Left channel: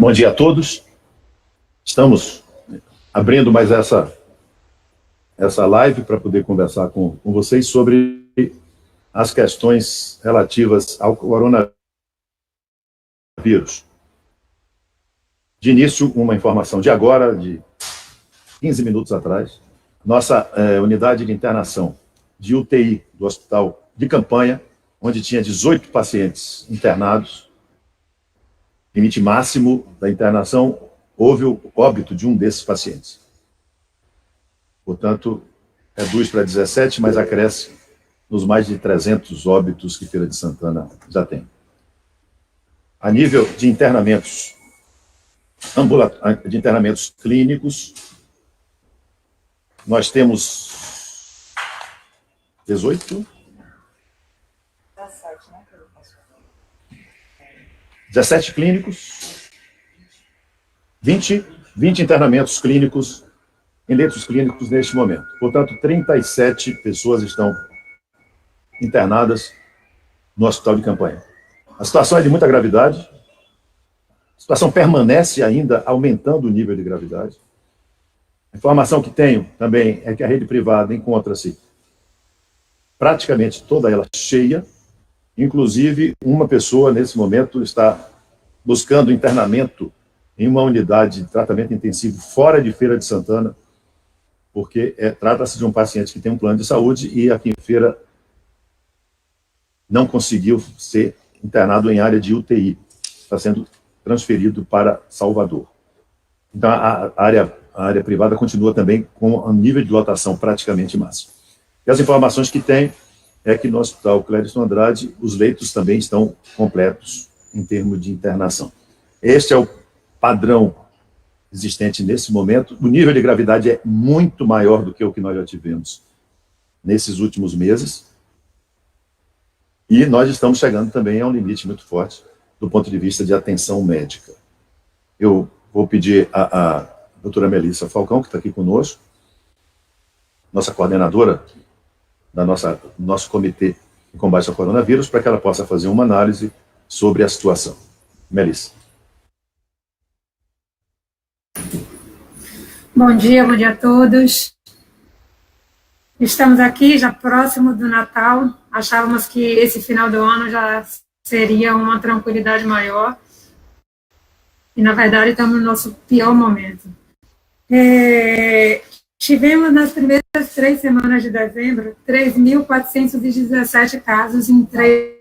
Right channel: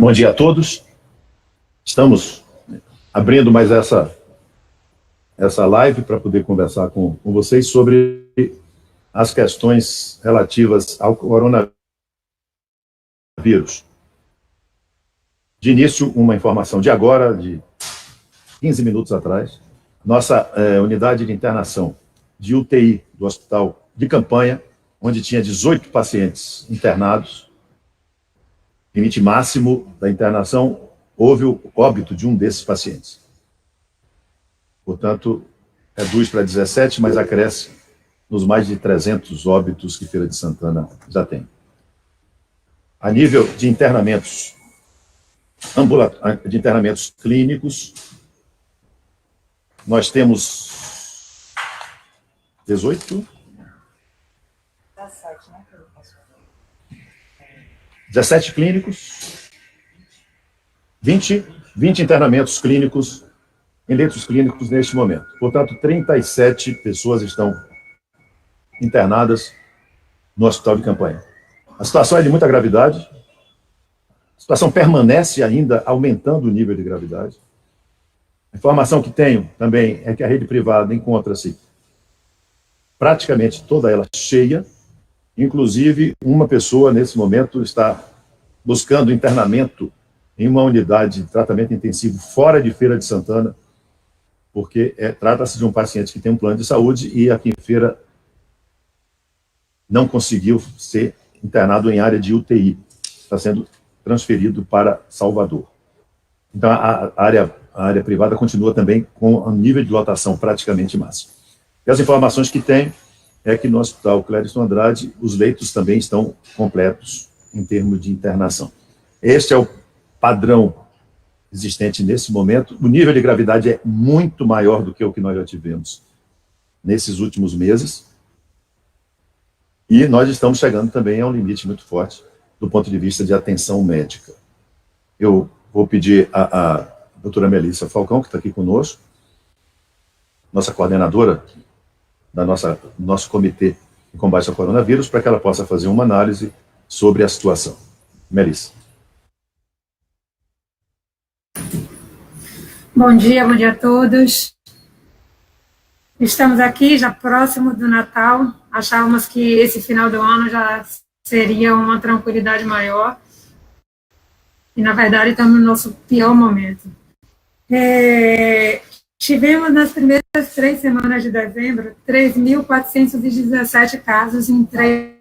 Bom dia a todos. Estamos abrindo mais essa live para poder conversar com vocês sobre as questões relativas ao coronavírus. De início, uma informação de agora, de 15 minutos atrás. Nossa unidade de internação de UTI do Hospital de Campanha, onde tinha 18 pacientes internados, limite máximo da internação, houve o óbito de um desses pacientes. Portanto, reduz para 17, mas acresce nos mais de 300 óbitos que Feira de Santana já tem. A nível de internamentos, clínicos, nós temos 18? 17 clínicos, 20 internamentos clínicos em leitos clínicos neste momento. Portanto, 37 pessoas estão internadas no Hospital de Campanha. A situação é de muita gravidade. A situação permanece ainda aumentando o nível de gravidade. A informação que tenho também é que a rede privada encontra-se praticamente toda ela cheia. Inclusive, uma pessoa, nesse momento, está buscando internamento em uma unidade de tratamento intensivo fora de Feira de Santana, porque trata-se de um paciente que tem um plano de saúde e aqui em Feira não conseguiu ser internado em área de UTI. Está sendo transferido para Salvador. Então, a área privada continua também com um nível de lotação praticamente máximo. E as informações que tem é que no Hospital Clériston Andrade os leitos também estão completos em termos de internação. Este é o padrão existente nesse momento. O nível de gravidade é muito maior do que o que nós já tivemos nesses últimos meses. E nós estamos chegando também a um limite muito forte do ponto de vista de atenção médica. Eu vou pedir a doutora Melissa Falcão, que está aqui conosco, nossa coordenadora do nosso comitê de combate ao coronavírus, para que ela possa fazer uma análise sobre a situação. Melissa. Bom dia a todos. Estamos aqui já próximo do Natal. Achávamos que esse final do ano já seria uma tranquilidade maior. E, na verdade, estamos no nosso pior momento. Tivemos, nas primeiras 3 semanas de dezembro, 3.417 casos em 3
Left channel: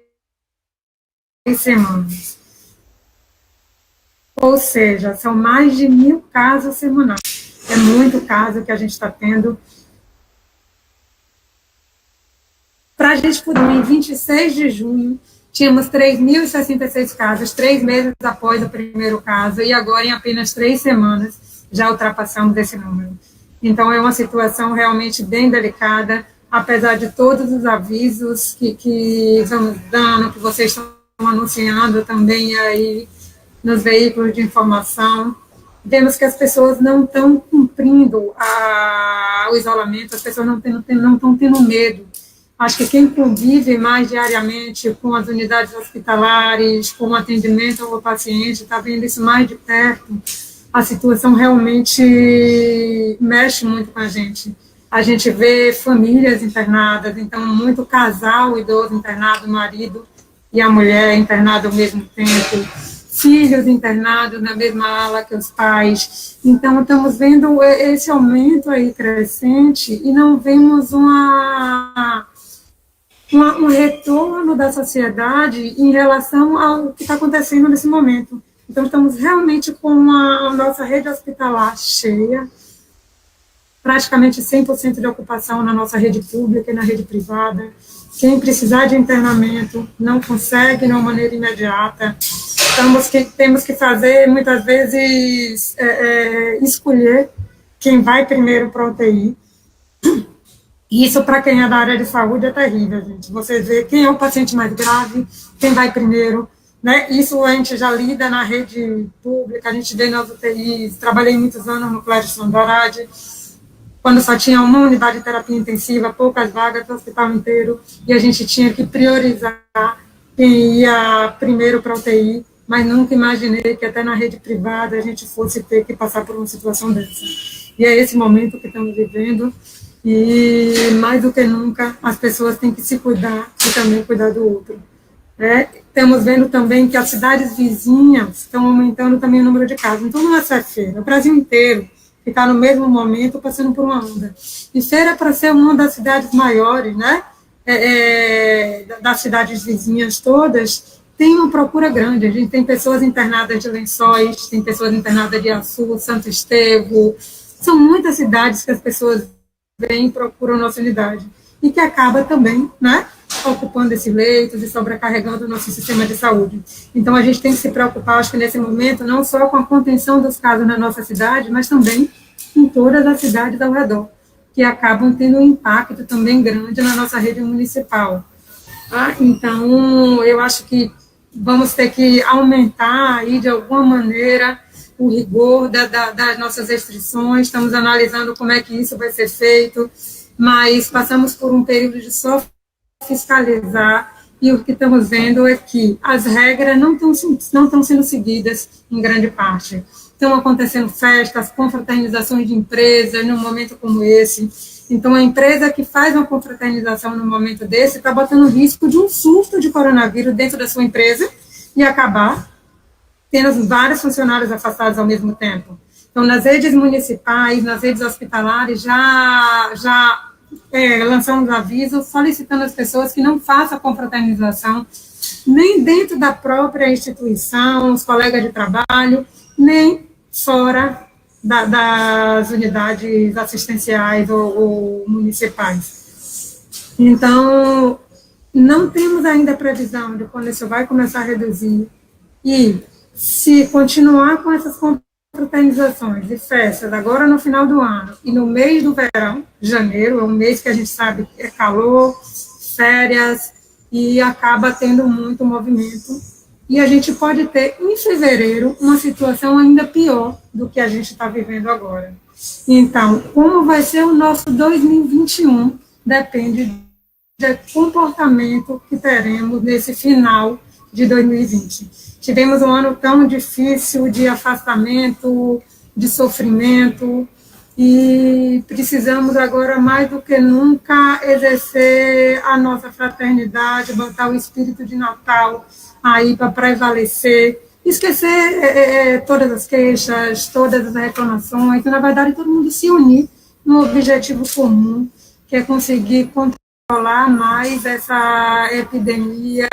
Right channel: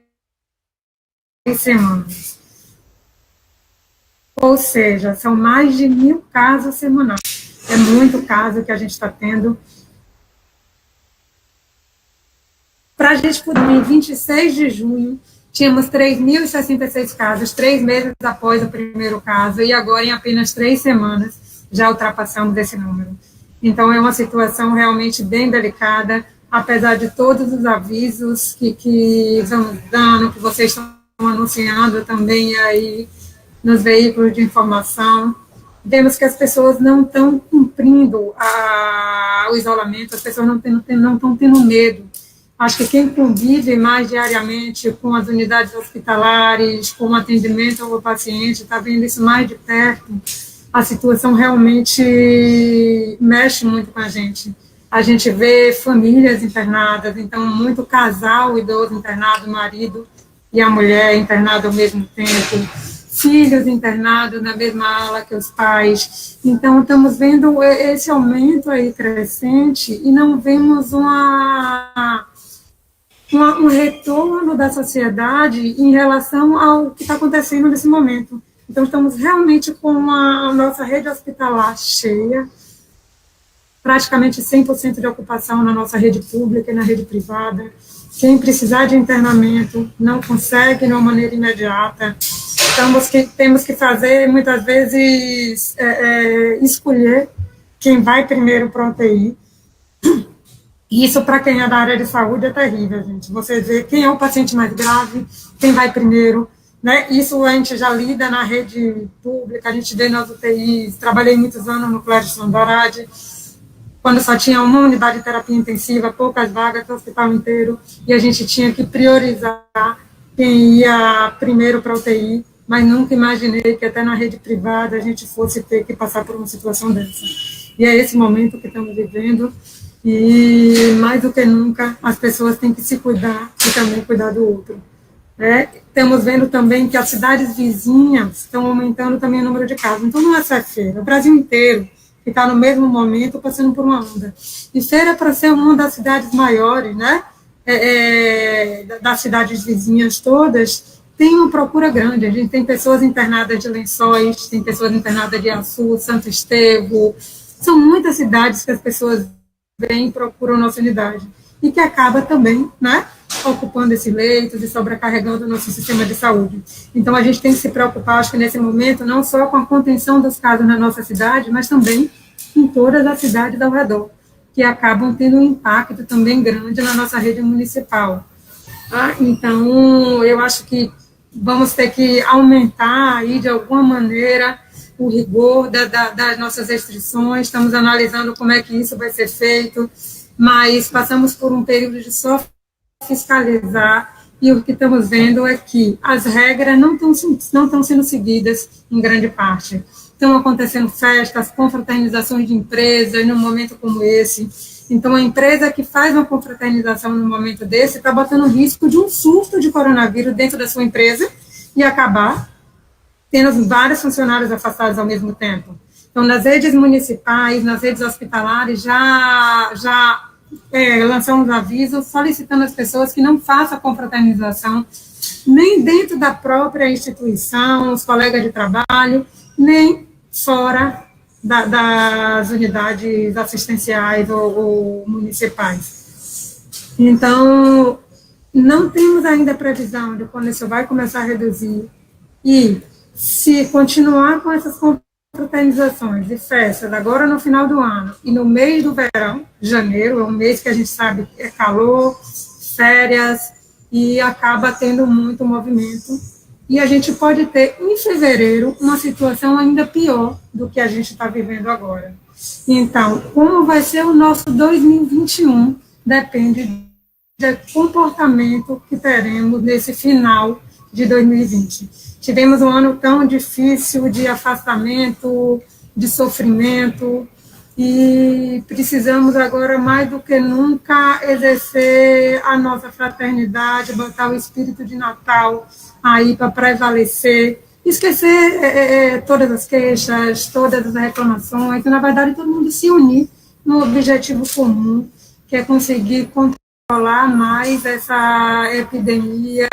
semanas. Ou seja, são mais de 1.000 casos semanais. É muito caso que a gente está tendo. Para a gente poder, em 26 de junho, tínhamos 3.066 casos, 3 meses após o primeiro caso, e agora, em apenas 3 semanas, já ultrapassamos esse número. Então, é uma situação realmente bem delicada, apesar de todos os avisos que vamos dando, que vocês estão anunciando também aí nos veículos de informação. Vemos que as pessoas não estão cumprindo o isolamento, as pessoas não estão tendo medo. Acho que quem convive mais diariamente com as unidades hospitalares, com o atendimento ao paciente, está vendo isso mais de perto. A situação realmente mexe muito com a gente. A gente vê famílias internadas, então muito casal idoso internado, o marido e a mulher internado ao mesmo tempo, filhos internados na mesma ala que os pais. Então, estamos vendo esse aumento aí crescente e não vemos um retorno da sociedade em relação ao que está acontecendo nesse momento. Então, estamos realmente com a nossa rede hospitalar cheia, praticamente 100% de ocupação na nossa rede pública e na rede privada. Quem precisar de internamento não consegue de uma maneira imediata. Temos que fazer, muitas vezes, escolher quem vai primeiro para a UTI. Isso, para quem é da área de saúde, é terrível, gente. Você vê quem é o paciente mais grave, quem vai primeiro, né? Isso a gente já lida na rede pública, a gente vê nas UTIs. Trabalhei muitos anos no Clériston Andrade, quando só tinha uma unidade de terapia intensiva, poucas vagas no hospital inteiro, e a gente tinha que priorizar quem ia primeiro para a UTI. mas nunca imaginei que até na rede privada a gente fosse ter que passar por uma situação dessa. E é esse momento que estamos vivendo, e mais do que nunca as pessoas têm que se cuidar e também cuidar do outro. Estamos vendo também que as cidades vizinhas estão aumentando também o número de casos. Então, não é só Feira, o Brasil inteiro que está no mesmo momento passando por uma onda. E Feira, para ser uma das cidades maiores, né, das cidades vizinhas todas, tem uma procura grande. A gente tem pessoas internadas de Lençóis, tem pessoas internadas de Açu, Santo Estevão. São muitas cidades que as pessoas vêm e procuram nossa unidade. E que acaba também, né, ocupando esses leitos e sobrecarregando o nosso sistema de saúde. Então, a gente tem que se preocupar, acho que nesse momento, não só com a contenção dos casos na nossa cidade, mas também em todas as cidades ao redor, que acabam tendo um impacto também grande na nossa rede municipal. Então, eu acho que vamos ter que aumentar aí, de alguma maneira, o rigor das nossas restrições. Estamos analisando como é que isso vai ser feito, mas passamos por um período de só fiscalizar, e o que estamos vendo é que as regras não estão sendo seguidas em grande parte. Estão acontecendo festas, confraternizações de empresas num momento como esse. Então, a empresa que faz uma confraternização num momento desse está botando risco de um surto de coronavírus dentro da sua empresa e acabar tendo vários funcionários afastados ao mesmo tempo. Então, nas redes municipais, nas redes hospitalares, já lançamos avisos solicitando às pessoas que não façam a confraternização nem dentro da própria instituição, os colegas de trabalho, nem fora das unidades assistenciais ou municipais. Então, não temos ainda previsão de quando isso vai começar a reduzir, e se continuar com essas confraternizações e festas agora no final do ano e no mês do verão, janeiro, é um mês que a gente sabe que é calor, férias, e acaba tendo muito movimento, e a gente pode ter em fevereiro uma situação ainda pior do que a gente está vivendo agora. Então, como vai ser o nosso 2021 depende do comportamento que teremos nesse final de 2020. Tivemos um ano tão difícil de afastamento, de sofrimento, e precisamos agora, mais do que nunca, exercer a nossa fraternidade, botar o espírito de Natal aí para prevalecer, esquecer todas as queixas, todas as reclamações, e, na verdade, todo mundo se unir no objetivo comum, que é conseguir controlar mais essa epidemia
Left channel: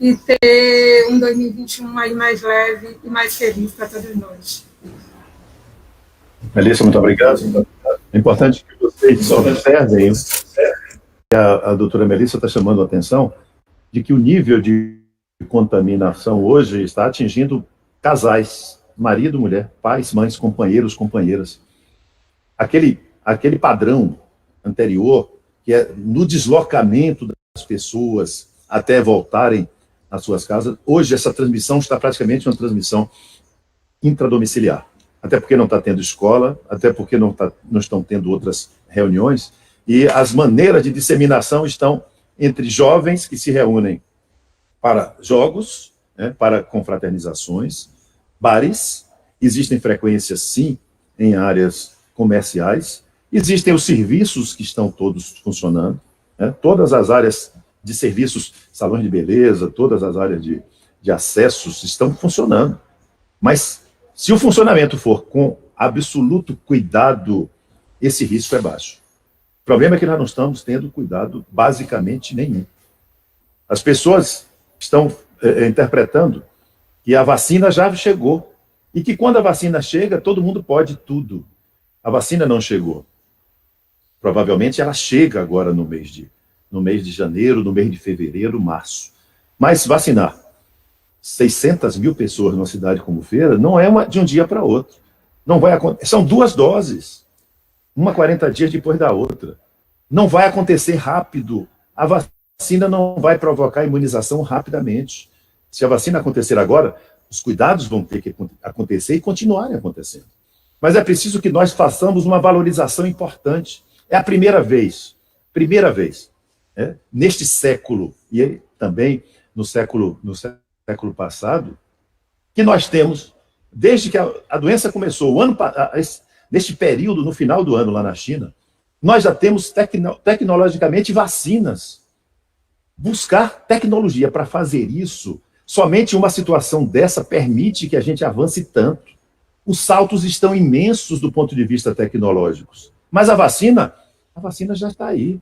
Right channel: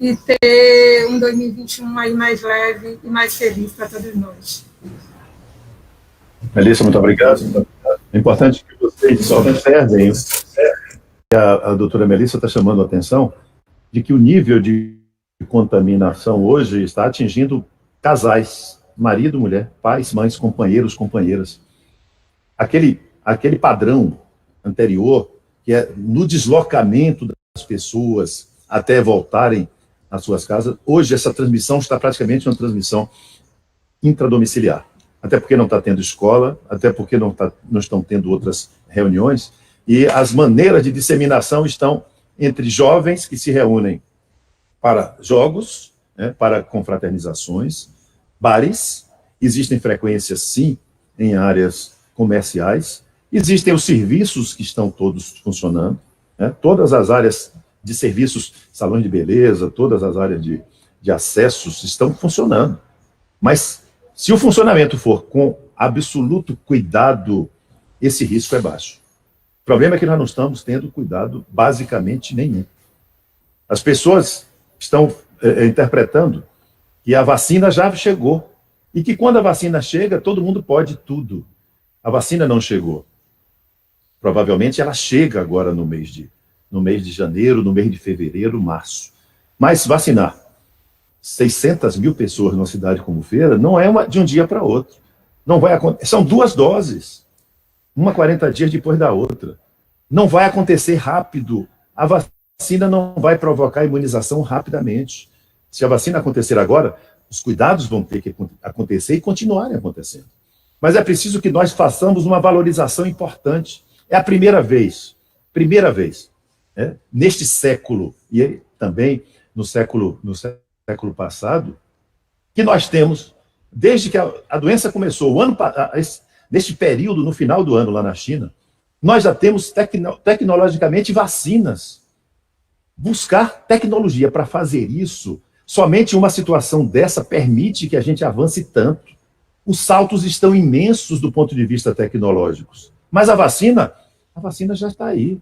e ter um 2021 aí mais leve e mais feliz para todos nós. Melissa, muito obrigado. É importante que vocês observem, a doutora Melissa está chamando a atenção de que o nível de contaminação hoje está atingindo casais, marido, mulher, pais, mães, companheiros, companheiras. Aquele padrão anterior, que é no deslocamento das pessoas até voltarem às suas casas, hoje essa transmissão está praticamente uma transmissão intradomiciliar. Até porque não está tendo escola, até porque não estão tendo outras reuniões, e as maneiras de disseminação estão entre jovens que se reúnem para jogos, né, para confraternizações, bares, existem frequências, sim, em áreas comerciais, existem os serviços que estão todos funcionando, né, todas as áreas de serviços, salões de beleza, todas as áreas de acessos estão funcionando, mas se o funcionamento for com absoluto cuidado, esse risco é baixo. O problema é que nós não estamos tendo cuidado basicamente nenhum. As pessoas estão interpretando que a vacina já chegou e que quando a vacina chega, todo mundo pode tudo. A vacina não chegou. Provavelmente ela chega agora no mês de janeiro, no mês de fevereiro, março. Mas vacinar 600 mil pessoas numa cidade como Feira não é de um dia para outro. Não vai acontecer. São 2 doses, uma 40 dias depois da outra. Não vai acontecer rápido. A vacina não vai provocar imunização rapidamente. Se a vacina acontecer agora, os cuidados vão ter que acontecer e continuarem acontecendo. Mas é preciso que nós façamos uma valorização importante. É a primeira vez, neste século, e também no século século passado, que nós temos, desde que a doença começou, neste período, no final do ano lá na China, nós já temos tecnologicamente vacinas. Buscar tecnologia para fazer isso, somente uma situação dessa permite que a gente avance tanto. Os saltos estão imensos do ponto de vista tecnológicos. Mas a vacina já está aí.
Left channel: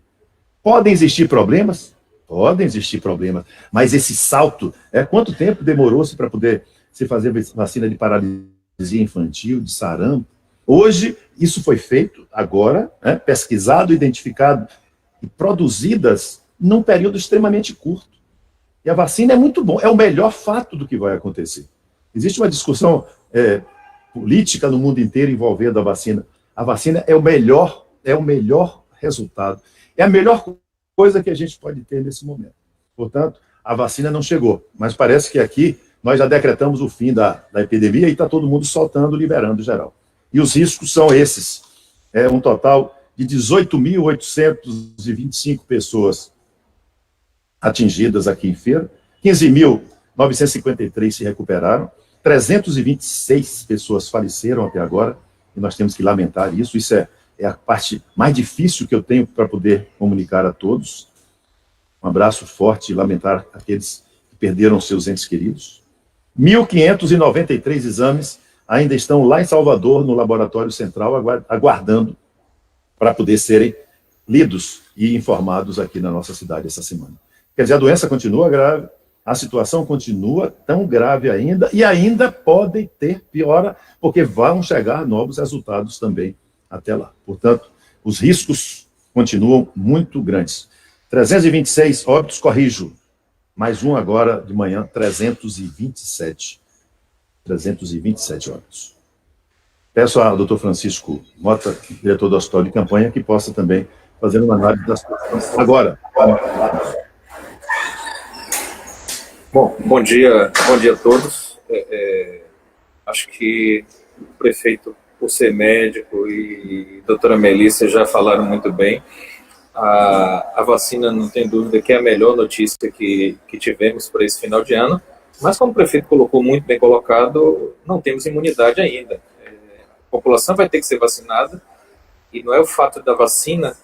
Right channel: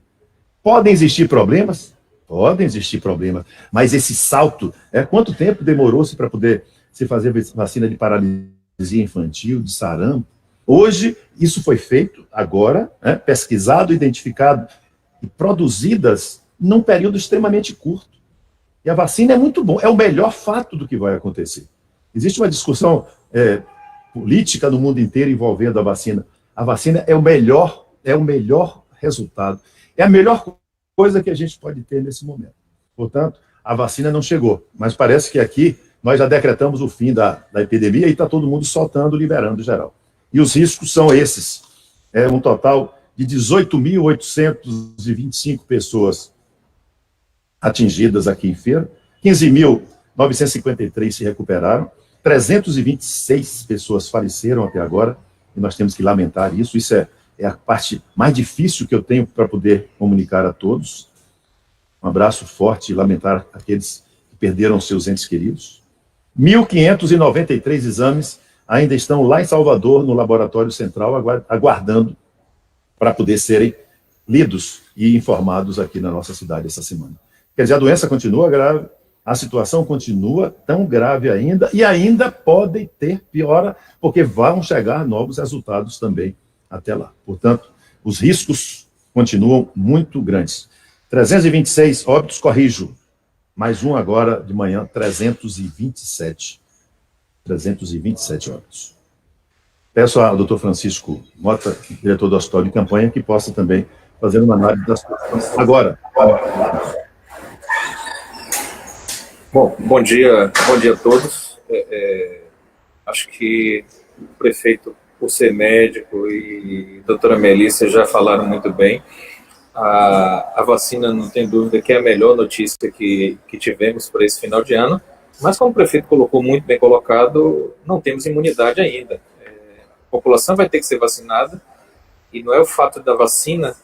Podem existir problemas? Podem existir problemas. Mas esse salto, quanto tempo demorou-se para poder se fazer vacina de paralisia infantil, de sarampo? Hoje, isso foi feito agora, pesquisado, identificado e produzidas num período extremamente curto. E a vacina é muito bom, é o melhor fato do que vai acontecer. Existe uma discussão política no mundo inteiro envolvendo a vacina. A vacina é o melhor resultado. É a melhor coisa que a gente pode ter nesse momento. Portanto, a vacina não chegou, mas parece que aqui nós já decretamos o fim da epidemia e está todo mundo soltando, liberando geral. E os riscos são esses. É um total de 18.825 pessoas atingidas aqui em Feira, 15.953 se recuperaram, 326 pessoas faleceram até agora, e nós temos que lamentar isso. Isso é a parte mais difícil que eu tenho para poder comunicar a todos. Um abraço forte e lamentar aqueles que perderam seus entes queridos. 1.593 exames ainda estão lá em Salvador, no Laboratório Central, aguardando para poder serem lidos e informados aqui na nossa cidade essa semana. Quer dizer, a doença continua grave, a situação continua tão grave ainda, e ainda podem ter piora, porque vão chegar novos resultados também até lá. Portanto, os riscos continuam muito grandes. 326 óbitos, corrijo, mais um agora de manhã, 327 óbitos. Peço ao doutor Francisco Mota, diretor do Hospital de Campanha, que possa também fazer uma análise da situação. Agora. Bom dia a todos. Acho que o prefeito, por ser médico, e a doutora Melissa já falaram muito bem. A vacina, não tem dúvida que é a melhor notícia que tivemos para esse final de ano, mas como o prefeito colocou muito bem colocado, não temos imunidade ainda. A população vai ter que ser vacinada, e não é o fato da vacina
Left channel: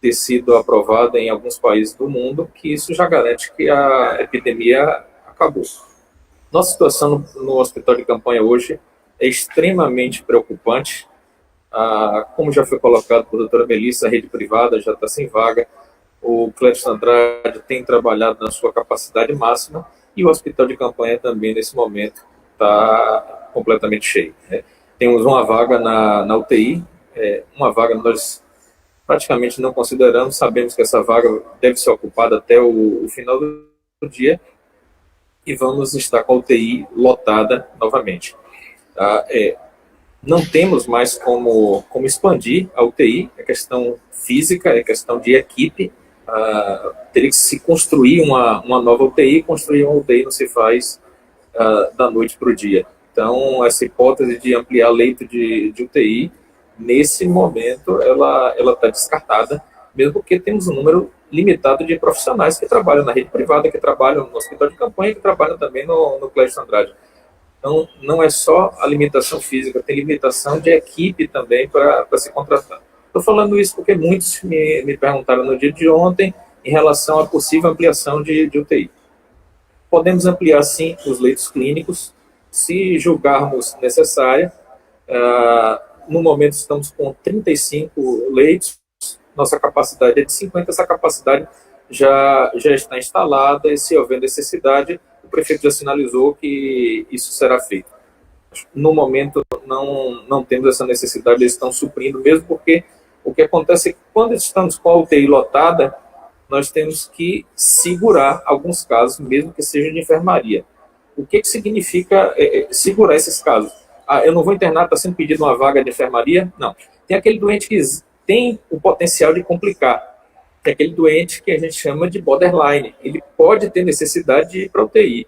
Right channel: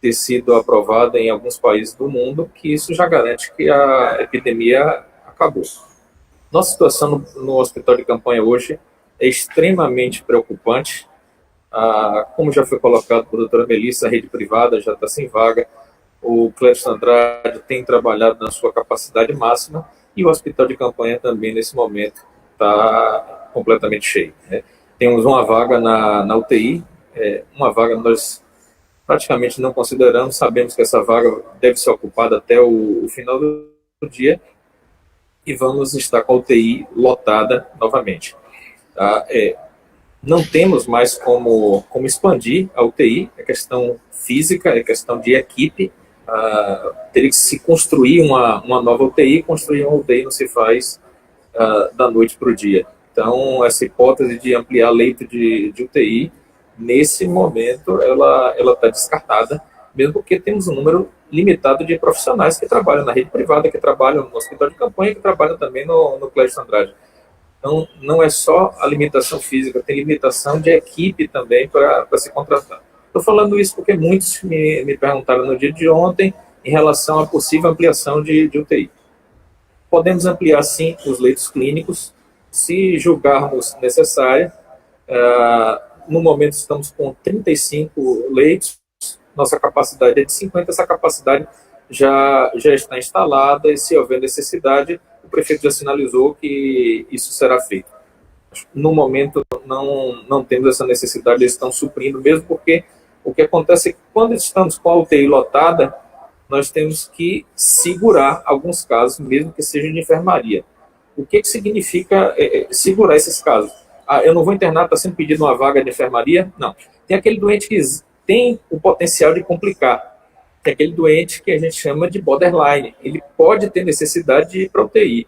ter sido aprovada em alguns países do mundo que isso já garante que a epidemia acabou. Nossa situação no Hospital de Campanha hoje é extremamente preocupante. Como já foi colocado por doutora Melissa, a rede privada já está sem vaga, o Clécio Andrade tem trabalhado na sua capacidade máxima, e o Hospital de Campanha também, nesse momento, está completamente cheio, né? Temos uma vaga na UTI, uma vaga nós praticamente não consideramos, sabemos que essa vaga deve ser ocupada até o final do dia, e vamos estar com a UTI lotada novamente. Não temos mais como expandir a UTI, é questão física, é questão de equipe. Teria que se construir uma nova UTI. Construir uma UTI não se faz da noite para o dia. Então, essa hipótese de ampliar leito de UTI, nesse momento, ela está descartada, mesmo porque temos um número limitado de profissionais que trabalham na rede privada, que trabalham no Hospital de Campanha, que trabalham também no Clécio Andrade. Então, não é só a limitação física, tem limitação de equipe também para se contratar. Estou falando isso porque muitos me perguntaram no dia de ontem em relação à possível ampliação de UTI. Podemos ampliar, sim, os leitos clínicos, se julgarmos necessária. No momento, estamos com 35 leitos, nossa capacidade é de 50, essa capacidade já está instalada, e se houver necessidade, o prefeito já sinalizou que isso será feito. No momento, não temos essa necessidade, eles estão suprindo, mesmo porque o que acontece é que quando estamos com a UTI lotada, nós temos que segurar alguns casos, mesmo que sejam de enfermaria. O que significa segurar esses casos? Eu não vou internar, está sendo pedido uma vaga de enfermaria? Não. Tem aquele doente que tem o potencial de complicar. Tem aquele doente que a gente chama de borderline. Ele pode ter necessidade de ir para a UTI.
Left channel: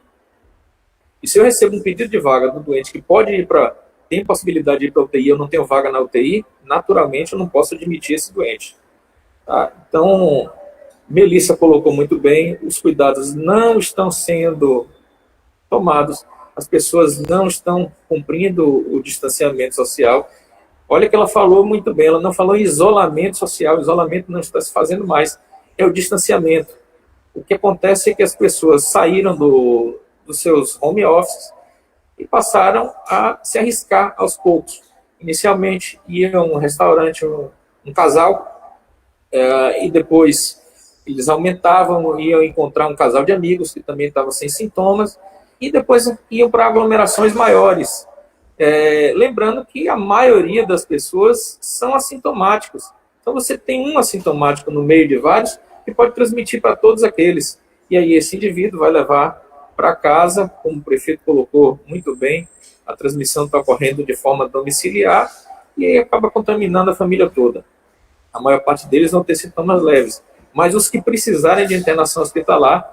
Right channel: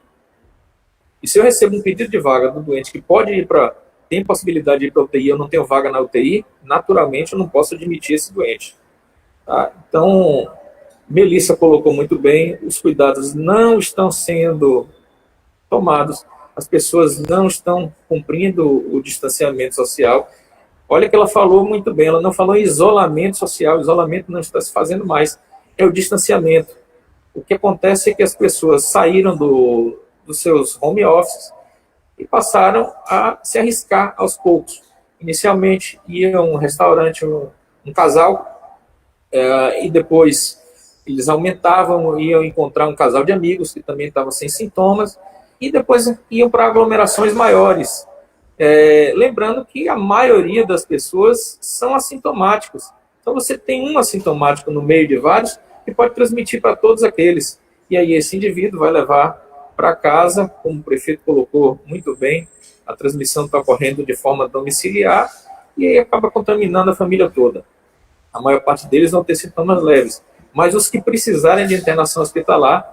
E se eu recebo um pedido de vaga do doente que tem possibilidade de ir para a UTI, eu não tenho vaga na UTI, naturalmente eu não posso admitir esse doente. Então, Melissa colocou muito bem, os cuidados não estão sendo tomados. As pessoas não estão cumprindo o distanciamento social. Olha que ela falou muito bem, ela não falou em isolamento social, isolamento não está se fazendo mais, é o distanciamento. O que acontece é que as pessoas saíram dos seus home offices e passaram a se arriscar aos poucos. Inicialmente, ia a um restaurante, um casal, e depois eles aumentavam, iam encontrar um casal de amigos que também estavam sem sintomas, e depois iam para aglomerações maiores. Lembrando que a maioria das pessoas são assintomáticos. Então, você tem um assintomático no meio de vários que pode transmitir para todos aqueles. E aí, esse indivíduo vai levar para casa, como o prefeito colocou muito bem, a transmissão está ocorrendo de forma domiciliar e aí acaba contaminando a família toda. A maior parte deles vão ter sintomas leves, mas os que precisarem de internação hospitalar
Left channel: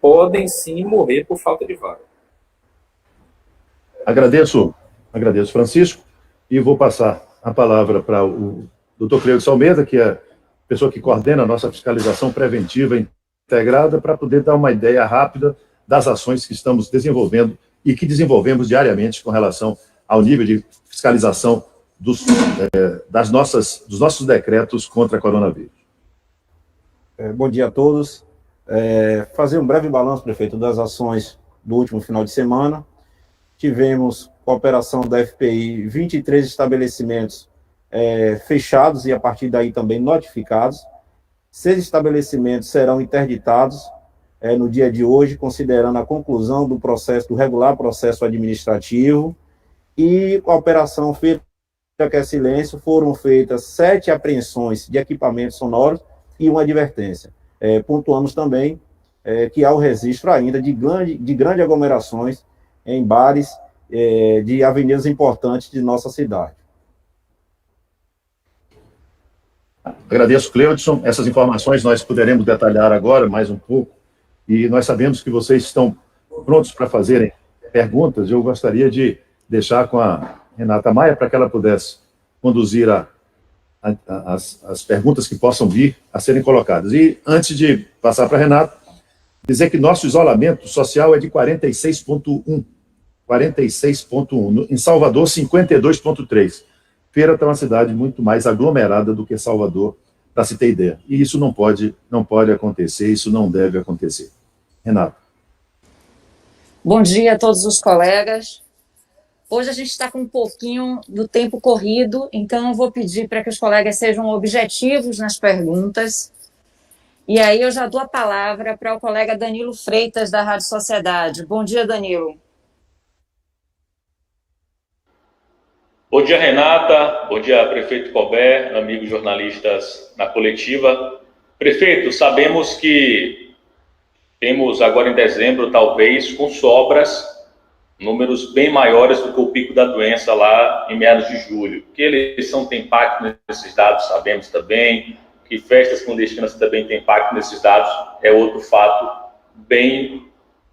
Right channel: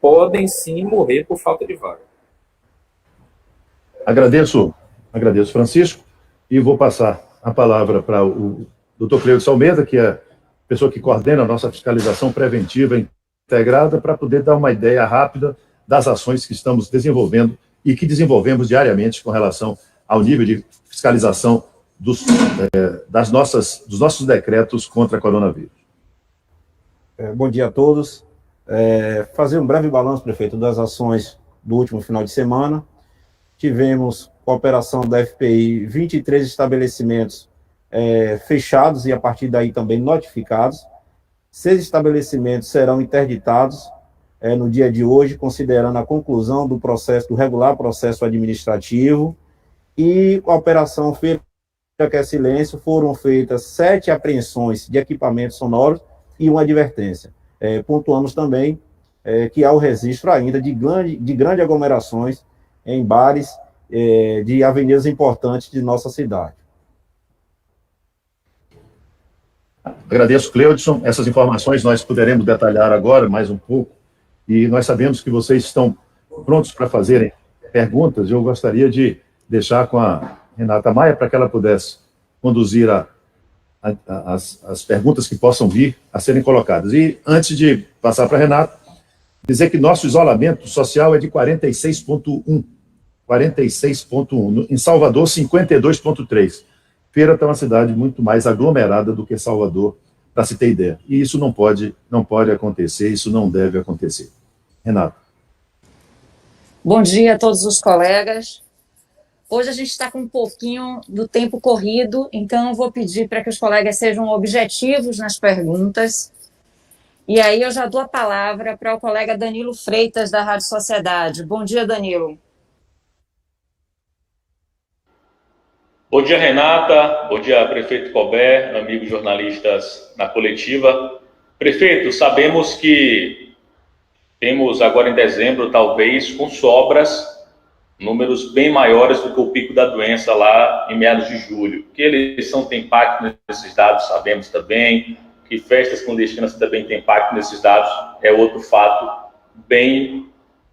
podem sim morrer por falta de vaga. Agradeço, Francisco, e vou passar a palavra para o Dr. Cleudson Almeida, que é a pessoa que coordena a nossa fiscalização preventiva integrada, para poder dar uma ideia rápida das ações que estamos desenvolvendo e que desenvolvemos diariamente com relação ao nível de fiscalização dos nossos decretos contra coronavírus. Bom dia a todos. Fazer um breve balanço, prefeito, das ações do último final de semana. Tivemos, com a operação da FPI, 23 estabelecimentos fechados e, a partir daí, também notificados. 6 estabelecimentos serão interditados no dia de hoje, considerando a conclusão do regular processo administrativo. E a operação Feira que é Silêncio, foram feitas 7 apreensões de equipamentos sonoros e uma advertência. Pontuamos também que há o registro ainda de grandes aglomerações em bares de avenidas importantes de nossa cidade. Agradeço, Cleudson. Essas informações nós poderemos detalhar agora mais um pouco, e nós sabemos que vocês estão prontos para fazerem perguntas. Eu gostaria de deixar com a Renata Maia para que ela pudesse conduzir as perguntas que possam vir a serem colocadas. E antes de passar para a Renata, dizer que nosso isolamento social é de 46,1. 46,1. Em Salvador, 52,3. Feira está uma cidade muito mais aglomerada do que Salvador, para se ter ideia. E isso não pode acontecer, isso não deve acontecer. Renata. Bom dia a todos os colegas. Hoje a gente está com um pouquinho do tempo corrido, então eu vou pedir para que os colegas sejam objetivos nas perguntas. E aí eu já dou a palavra para o colega Danilo Freitas, da Rádio Sociedade. Bom dia, Danilo. Bom dia, Renata. Bom dia, prefeito Colbert, amigos jornalistas na coletiva. Prefeito, sabemos que temos agora em dezembro, talvez, com sobras, números bem maiores do que o pico da doença lá em meados de julho. Que a eleição tem impacto nesses dados, sabemos também. Que festas clandestinas também têm impacto nesses dados, é outro fato bem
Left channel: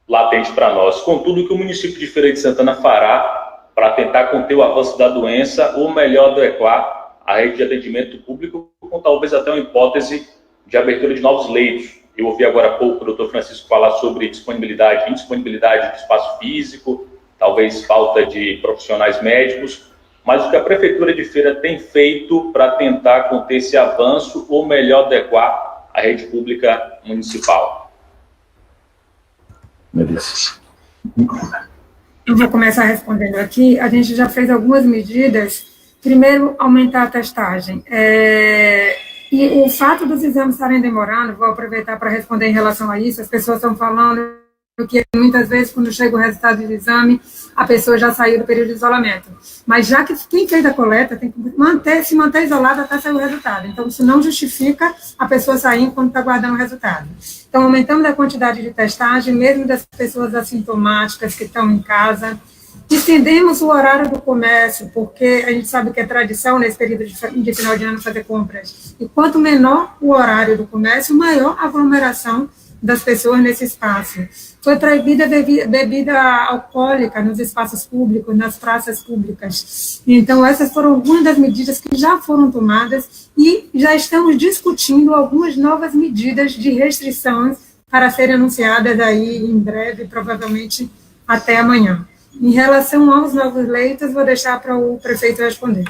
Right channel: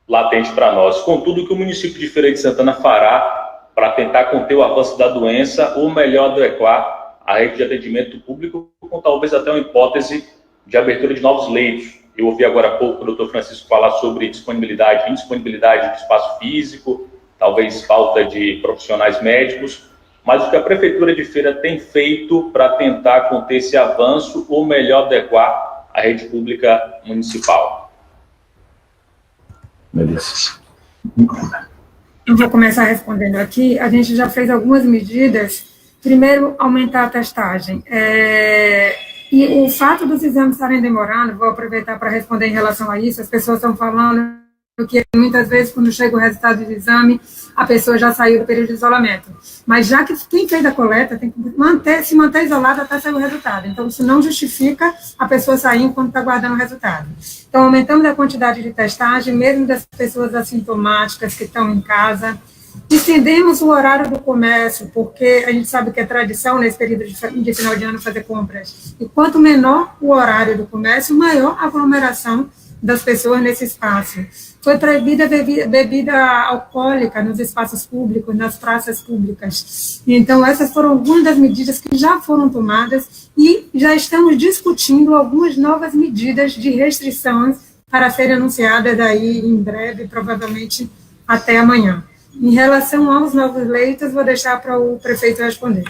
latente para nós. Contudo, o que o município de Feira de Santana fará para tentar conter o avanço da doença, ou melhor, adequar a rede de atendimento público, com talvez até uma hipótese de abertura de novos leitos. Eu ouvi agora há pouco o doutor Francisco falar sobre disponibilidade, indisponibilidade de espaço físico, talvez falta de profissionais médicos, mas o que a Prefeitura de Feira tem feito para tentar conter esse avanço, ou melhor, adequar a rede pública municipal? Melissa. Eu vou começar respondendo aqui. A gente já fez algumas medidas. Primeiro, aumentar a testagem. E o fato dos exames estarem demorando, vou aproveitar para responder em relação a isso. As pessoas estão falando que muitas vezes, quando chega o resultado do exame, a pessoa já saiu do período de isolamento. Mas já que quem fez a coleta tem que se manter isolado até sair o resultado. Então, isso não justifica a pessoa sair enquanto está guardando o resultado. Então, aumentamos a quantidade de testagem, mesmo das pessoas assintomáticas que estão em casa. Estendemos o horário do comércio, porque a gente sabe que é tradição nesse período de final de ano fazer compras. E quanto menor o horário do comércio, maior a aglomeração das pessoas nesse espaço. Foi proibida bebida alcoólica nos espaços públicos, nas praças públicas. Então, essas foram algumas das medidas que já foram tomadas e já estamos discutindo algumas novas medidas de restrições para serem anunciadas aí em breve, provavelmente até amanhã. Em relação aos novos leitos, vou deixar para o prefeito responder.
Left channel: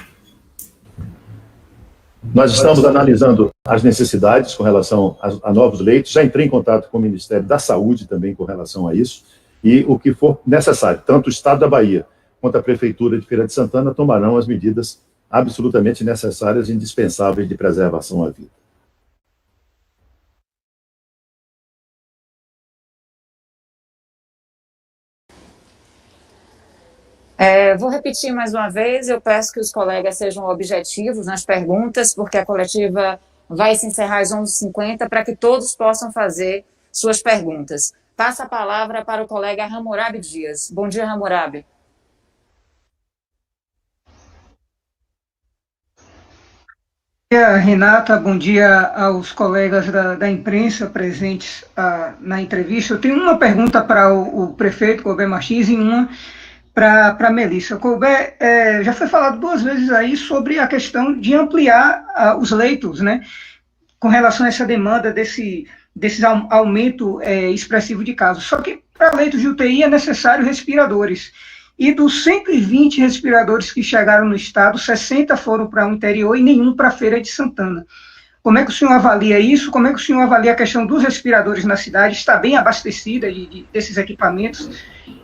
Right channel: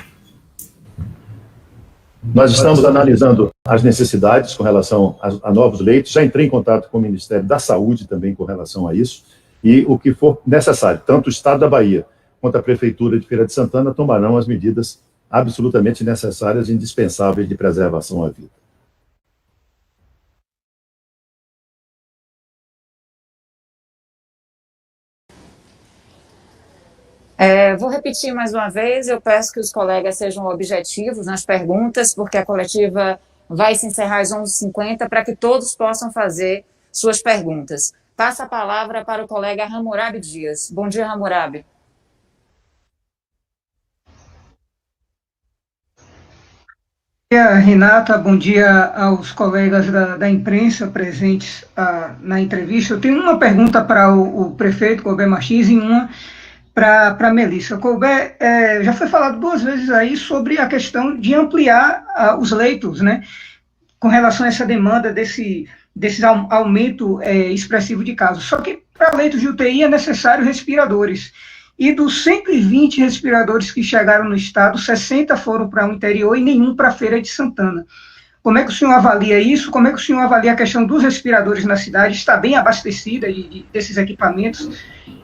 Nós estamos analisando as necessidades com relação a novos leitos, já entrei em contato com o Ministério da Saúde também com relação a isso, e o que for necessário, tanto o Estado da Bahia quanto a Prefeitura de Feira de Santana tomarão as medidas absolutamente necessárias e indispensáveis de preservação à vida. Vou repetir mais uma vez, eu peço que os colegas sejam objetivos nas perguntas, porque a coletiva vai se encerrar às 11h50, para que todos possam fazer suas perguntas. Passa a palavra para o colega Hammurabi Dias. Bom dia, Hammurabi. Bom dia, Renata. Bom dia aos colegas da imprensa presentes na entrevista. Eu tenho uma pergunta para o prefeito Colbert Martins e uma para a Melissa. Colbert, já foi falado 2 vezes aí sobre a questão de ampliar os leitos, né, com relação a essa demanda desse aumento expressivo de casos. Só que para leitos de UTI é necessário respiradores. E dos 120 respiradores que chegaram no estado, 60 foram para o interior e nenhum para a Feira de Santana. Como é que o senhor avalia isso? Como é que o senhor avalia a questão dos respiradores na cidade? Está bem abastecida desses equipamentos?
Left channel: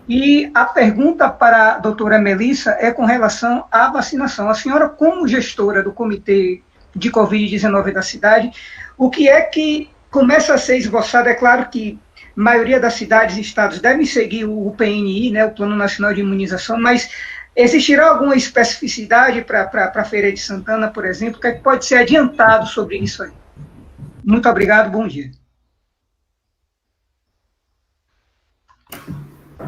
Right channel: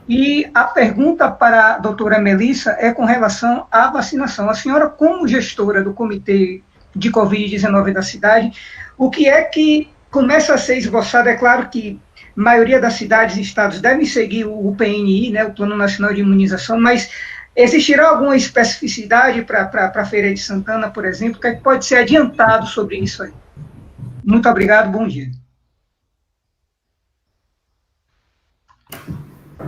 E a pergunta para a doutora Melissa é com relação à vacinação. A senhora, como gestora do Comitê de Covid-19 da cidade, o que é que começa a ser esboçado? É claro que a maioria das cidades e estados devem seguir o PNI, né, o Plano Nacional de Imunização, mas existirá alguma especificidade para a Feira de Santana, por exemplo, que pode ser adiantado sobre isso aí? Muito obrigado, bom dia.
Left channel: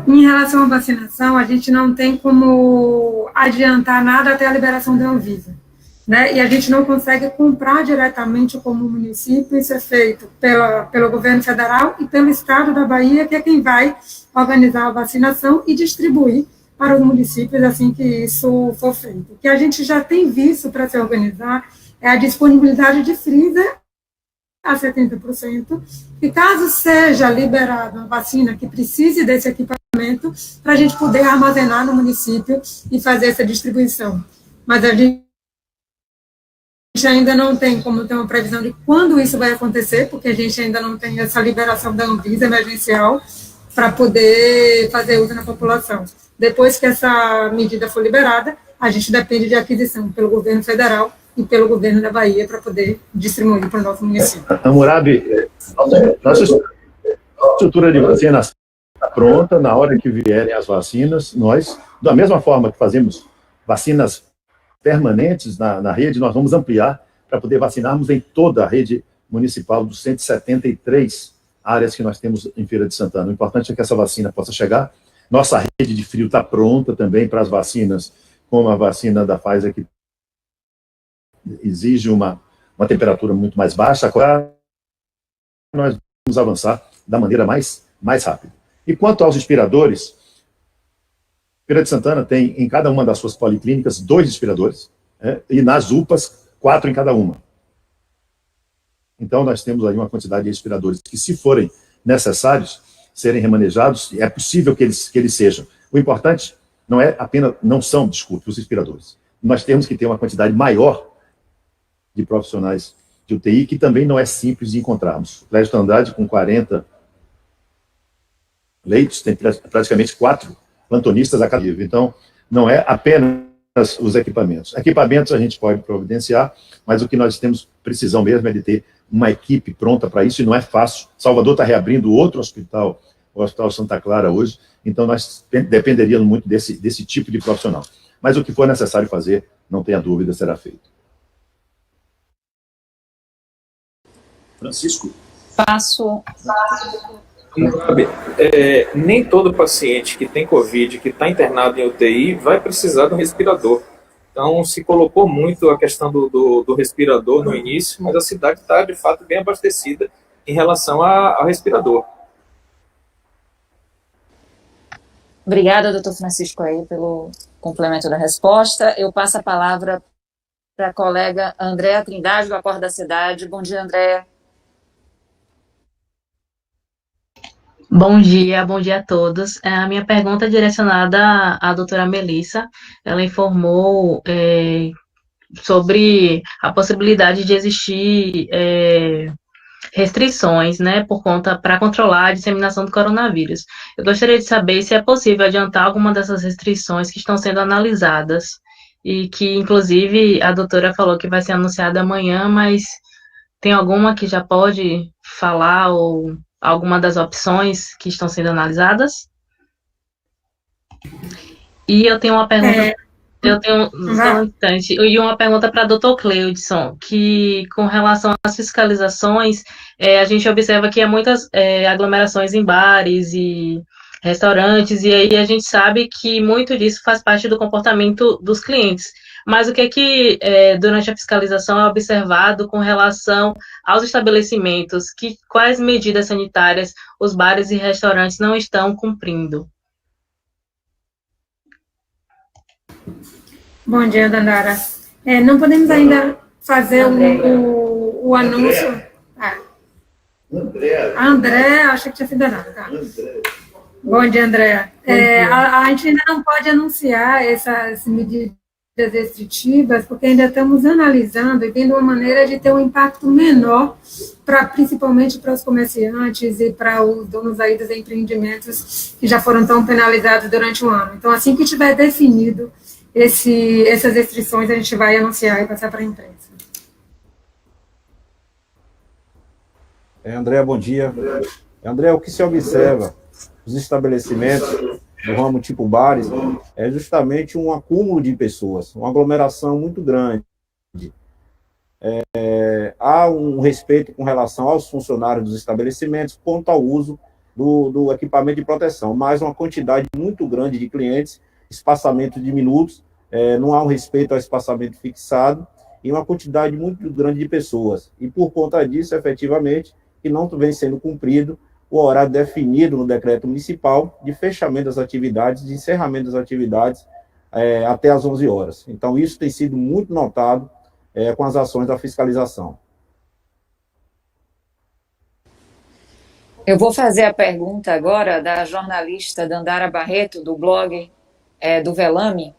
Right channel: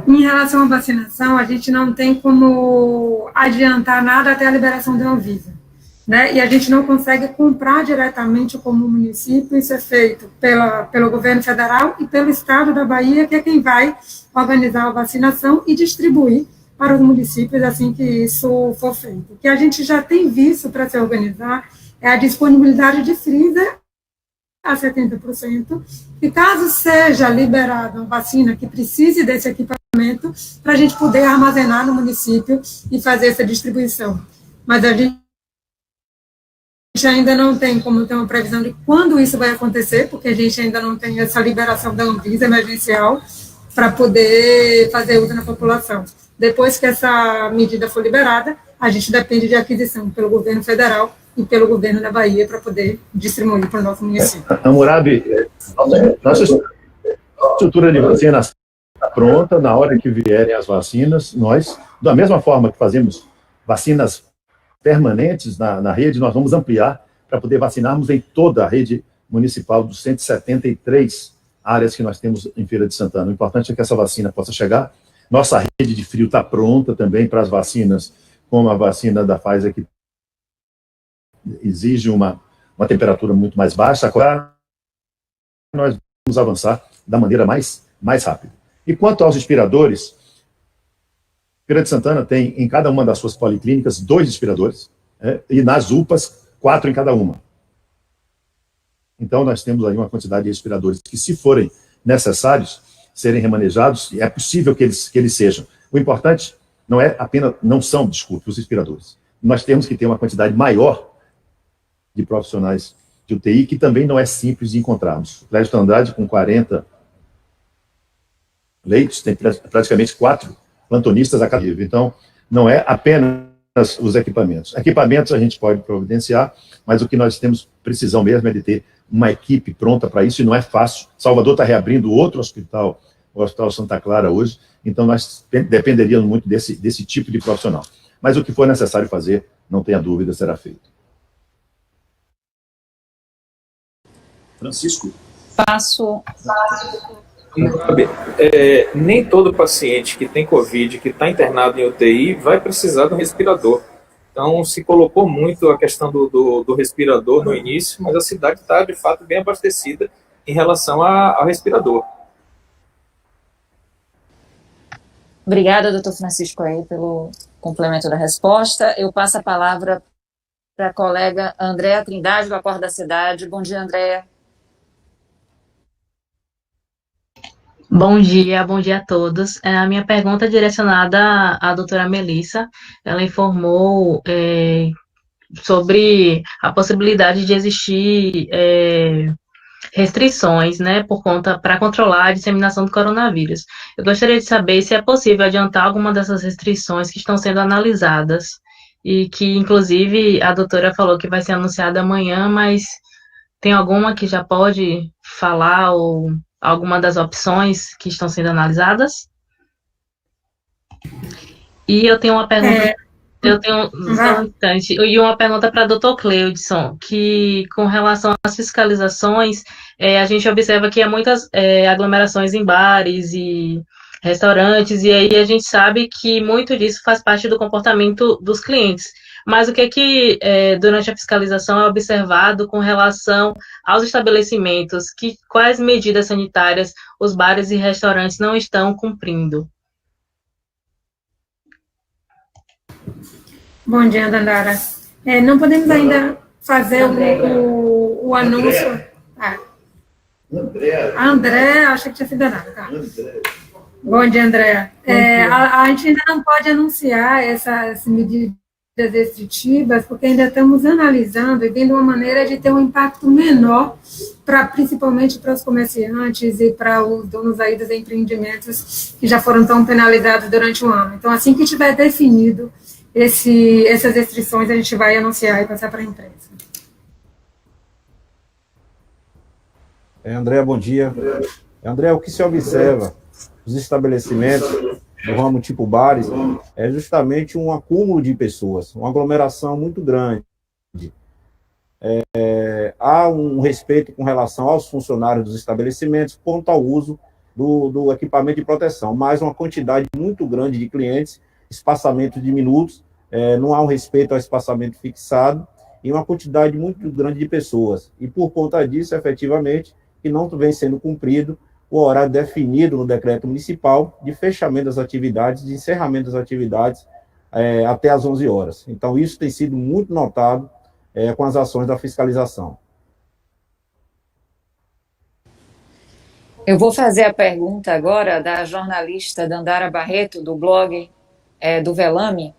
Em relação à vacinação, a gente não tem como adiantar nada até a liberação da Anvisa, né? E a gente não consegue comprar diretamente como município, isso é feito pelo governo federal e pelo estado da Bahia, que é quem vai organizar a vacinação e distribuir para os municípios assim que isso for feito. O que a gente já tem visto para se organizar é a disponibilidade de freezer a 70%, e caso seja liberada uma vacina que precise desse equipamento, para a gente poder armazenar no município e fazer essa distribuição. Mas a gente ainda não tem como ter uma previsão de quando isso vai acontecer, porque a gente ainda não tem essa liberação da Anvisa emergencial para poder fazer uso na população. Depois que essa medida for liberada, a gente depende de aquisição pelo governo federal e pelo governo da Bahia para poder distribuir para o nosso município. Hammurabi, nossa estrutura de vacina está pronta. Na hora que vierem as vacinas, nós, da mesma forma que fazemos vacinas permanentes na rede, nós vamos ampliar para poder vacinarmos em toda a rede municipal dos 173 áreas que nós temos em Feira de Santana. O importante é que essa vacina possa chegar. Nossa rede de frio está pronta também para as vacinas, como a vacina da Pfizer, que exige uma temperatura muito mais baixa. Agora, nós vamos avançar da maneira mais rápida. E quanto aos respiradores, Feira de Santana tem em cada uma das suas policlínicas 2 respiradores, e nas UPAs 4 em cada uma. Então, nós temos aí uma quantidade de respiradores que, se forem necessários, serem remanejados, é possível que eles sejam. O importante não são os respiradores. Nós temos que ter uma quantidade maior de profissionais de UTI, que também não é simples de encontrarmos. O Clésio Andrade, com 40 leitos, tem praticamente 4 plantonistas a cada dia. Então, não é apenas os equipamentos. Equipamentos a gente pode providenciar, mas o que nós temos precisão mesmo é de ter uma equipe pronta para isso, e não é fácil. Salvador está reabrindo outro hospital, o Hospital Santa Clara hoje, então nós dependeríamos muito desse tipo de profissional. Mas o que for necessário fazer, não tenha dúvida, será feito. Francisco? Passo. Nem todo paciente que tem Covid, que está internado em UTI, vai precisar de um respirador. Então, se colocou muito a questão do respirador no início, mas a cidade está, de fato, bem abastecida em relação ao respirador. Obrigada, doutor Francisco, aí, pelo complemento da resposta. Eu passo a palavra para a colega Andréa Trindade, do Acordo da Cidade. Bom dia, Andréa. Bom dia a todos. A minha pergunta é direcionada à doutora Melissa. Ela informou sobre a possibilidade de existir restrições, né, por conta para controlar a disseminação do coronavírus. Eu gostaria de saber se é possível adiantar alguma dessas restrições que estão sendo analisadas e que, inclusive, a doutora falou que vai ser anunciada amanhã, mas tem alguma que já pode falar ou alguma das opções que estão sendo analisadas? E eu tenho uma pergunta, eu tenho só um instante, e uma pergunta para o Dr. Cleudson, que com relação às fiscalizações, a gente observa que há muitas aglomerações em bares e restaurantes, e aí a gente sabe que muito disso faz parte do comportamento dos clientes. Mas o que durante a fiscalização é observado com relação aos estabelecimentos, quais medidas sanitárias os bares e restaurantes não estão cumprindo? Bom dia, Dandara. Não podemos ainda fazer o anúncio. André, acho que tinha sido Dandara. Tá. Bom dia, André. A gente ainda não pode anunciar essas medidas restritivas, porque ainda estamos analisando e vendo uma maneira de ter um impacto menor, principalmente para os comerciantes e para os donos aí dos empreendimentos que já foram tão penalizados durante o ano. Então, assim que tiver definido essas restrições, a gente vai anunciar e passar para a imprensa. André, bom dia. André, o que se observa nos estabelecimentos do ramo tipo bares é justamente um acúmulo de pessoas, uma aglomeração muito grande. Há um respeito com relação aos funcionários dos estabelecimentos quanto ao uso do equipamento de proteção, mas uma quantidade muito grande de clientes, espaçamento de minutos, não há um respeito ao espaçamento fixado e uma quantidade muito grande de pessoas. E por conta disso, efetivamente, que não vem sendo cumprido o horário definido no decreto municipal de fechamento das atividades, de encerramento das atividades até às 11 horas. Então, isso tem sido muito notado com as ações da fiscalização. Eu vou fazer a pergunta agora da jornalista Dandara Barreto, do blog do Velame,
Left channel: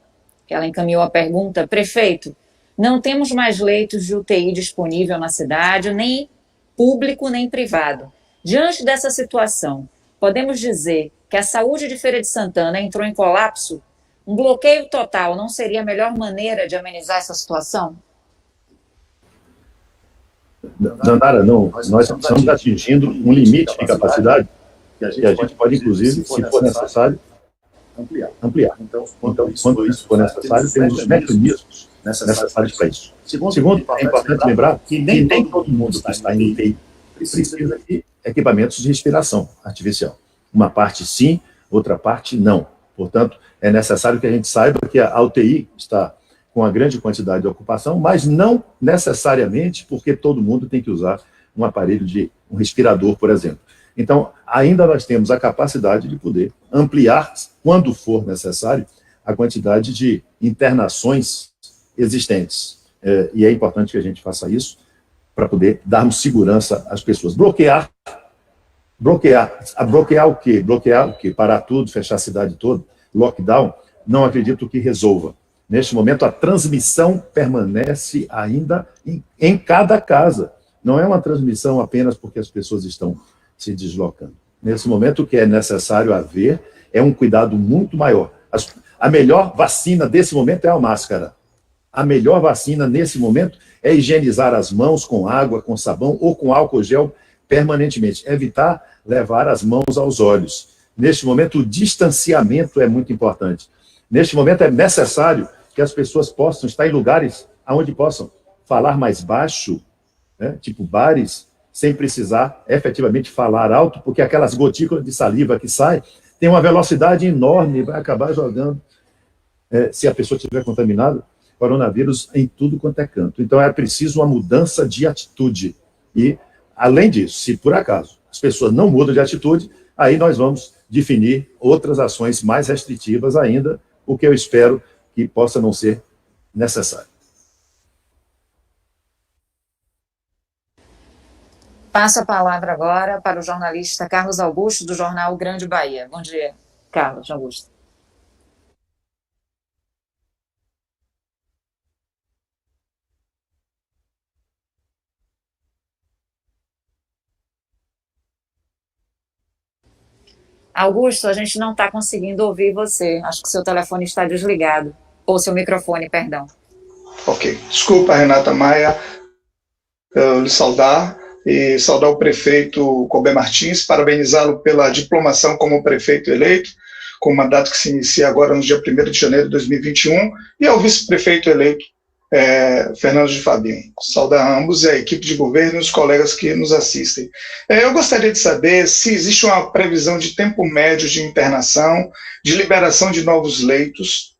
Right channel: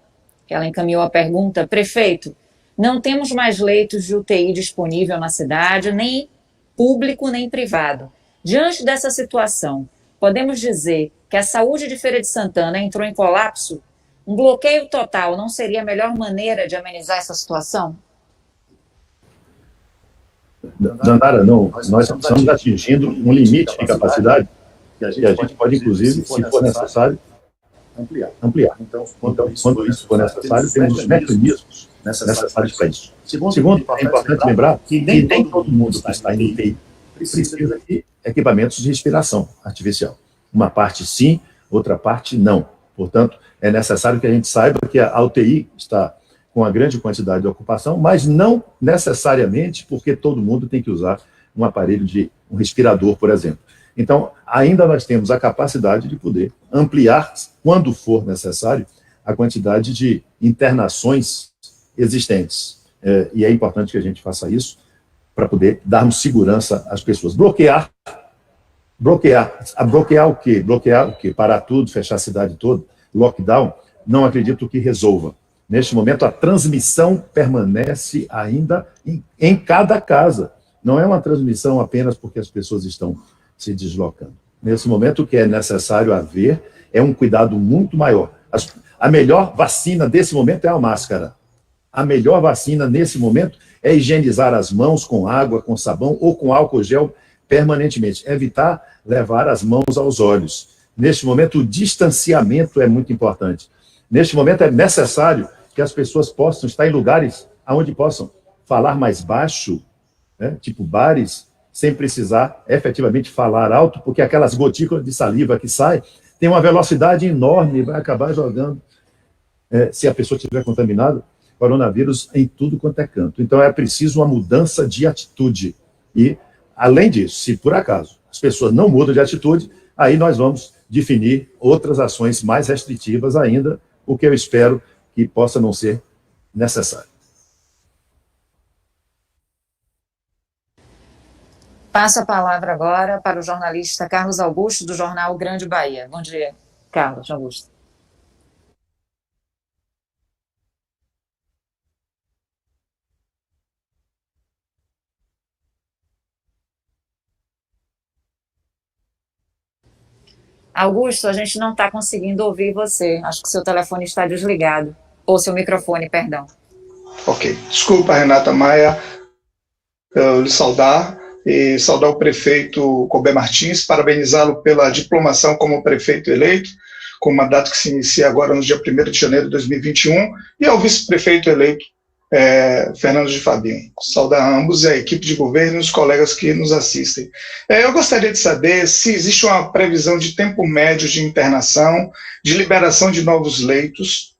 que ela encaminhou a pergunta. Prefeito, não temos mais leitos de UTI disponível na cidade, nem público nem privado. Diante dessa situação, podemos dizer que a saúde de Feira de Santana entrou em colapso? Um bloqueio total não seria a melhor maneira de amenizar essa situação? Dandara, não. Nós estamos atingindo um limite de capacidade que a gente pode, inclusive, se for necessário, ampliar. Então, quando isso for necessário, temos os mecanismos necessários para isso. Segundo, é importante lembrar que nem todo mundo que está em UTI precisa de equipamentos de respiração artificial. Uma parte sim, outra parte não. Portanto, é necessário que a gente saiba que a UTI está com uma grande quantidade de ocupação, mas não necessariamente porque todo mundo tem que usar um aparelho um respirador, por exemplo. Então, ainda nós temos a capacidade de poder ampliar, quando for necessário, a quantidade de internações existentes. E é importante que a gente faça isso para poder darmos segurança às pessoas. Bloquear o quê? Bloquear o quê? Parar tudo, fechar a cidade toda, lockdown, não acredito que resolva. Neste momento, a transmissão permanece ainda em cada casa. Não é uma transmissão apenas porque as pessoas estão se deslocando. Nesse momento, o que é necessário haver é um cuidado muito maior. A melhor vacina desse momento é a máscara. A melhor vacina nesse momento é higienizar as mãos com água, com sabão ou com álcool gel permanentemente. Evitar levar as mãos aos olhos. Neste momento, o distanciamento é muito importante. Neste momento, é necessário que as pessoas possam estar em lugares onde possam falar mais baixo, né, tipo bares, sem precisar efetivamente falar alto, porque aquelas gotículas de saliva que saem tem uma velocidade enorme e vai acabar jogando, se a pessoa estiver contaminada, coronavírus em tudo quanto é canto. Então, é preciso uma mudança de atitude. E, além disso, se por acaso as pessoas não mudam de atitude, aí nós vamos definir outras ações mais restritivas ainda, o que eu espero que possa não ser necessário. Passo a palavra agora para o jornalista Carlos Augusto, do jornal Grande Bahia. Bom dia, Carlos Augusto. Augusto, a gente não está conseguindo ouvir você. Acho que seu telefone está desligado. Ou seu microfone, perdão. Ok. Desculpa, Renata Maia, eu lhe saudar e saudar o prefeito Colbert Martins, parabenizá-lo pela diplomação como prefeito eleito, com o mandato que se inicia agora no dia 1º de janeiro de 2021, e ao vice-prefeito eleito, Fernando de Fabim. Saudar ambos, a equipe de governo e os colegas que nos assistem. Eu gostaria de saber se existe uma previsão de tempo médio de internação, de liberação de novos leitos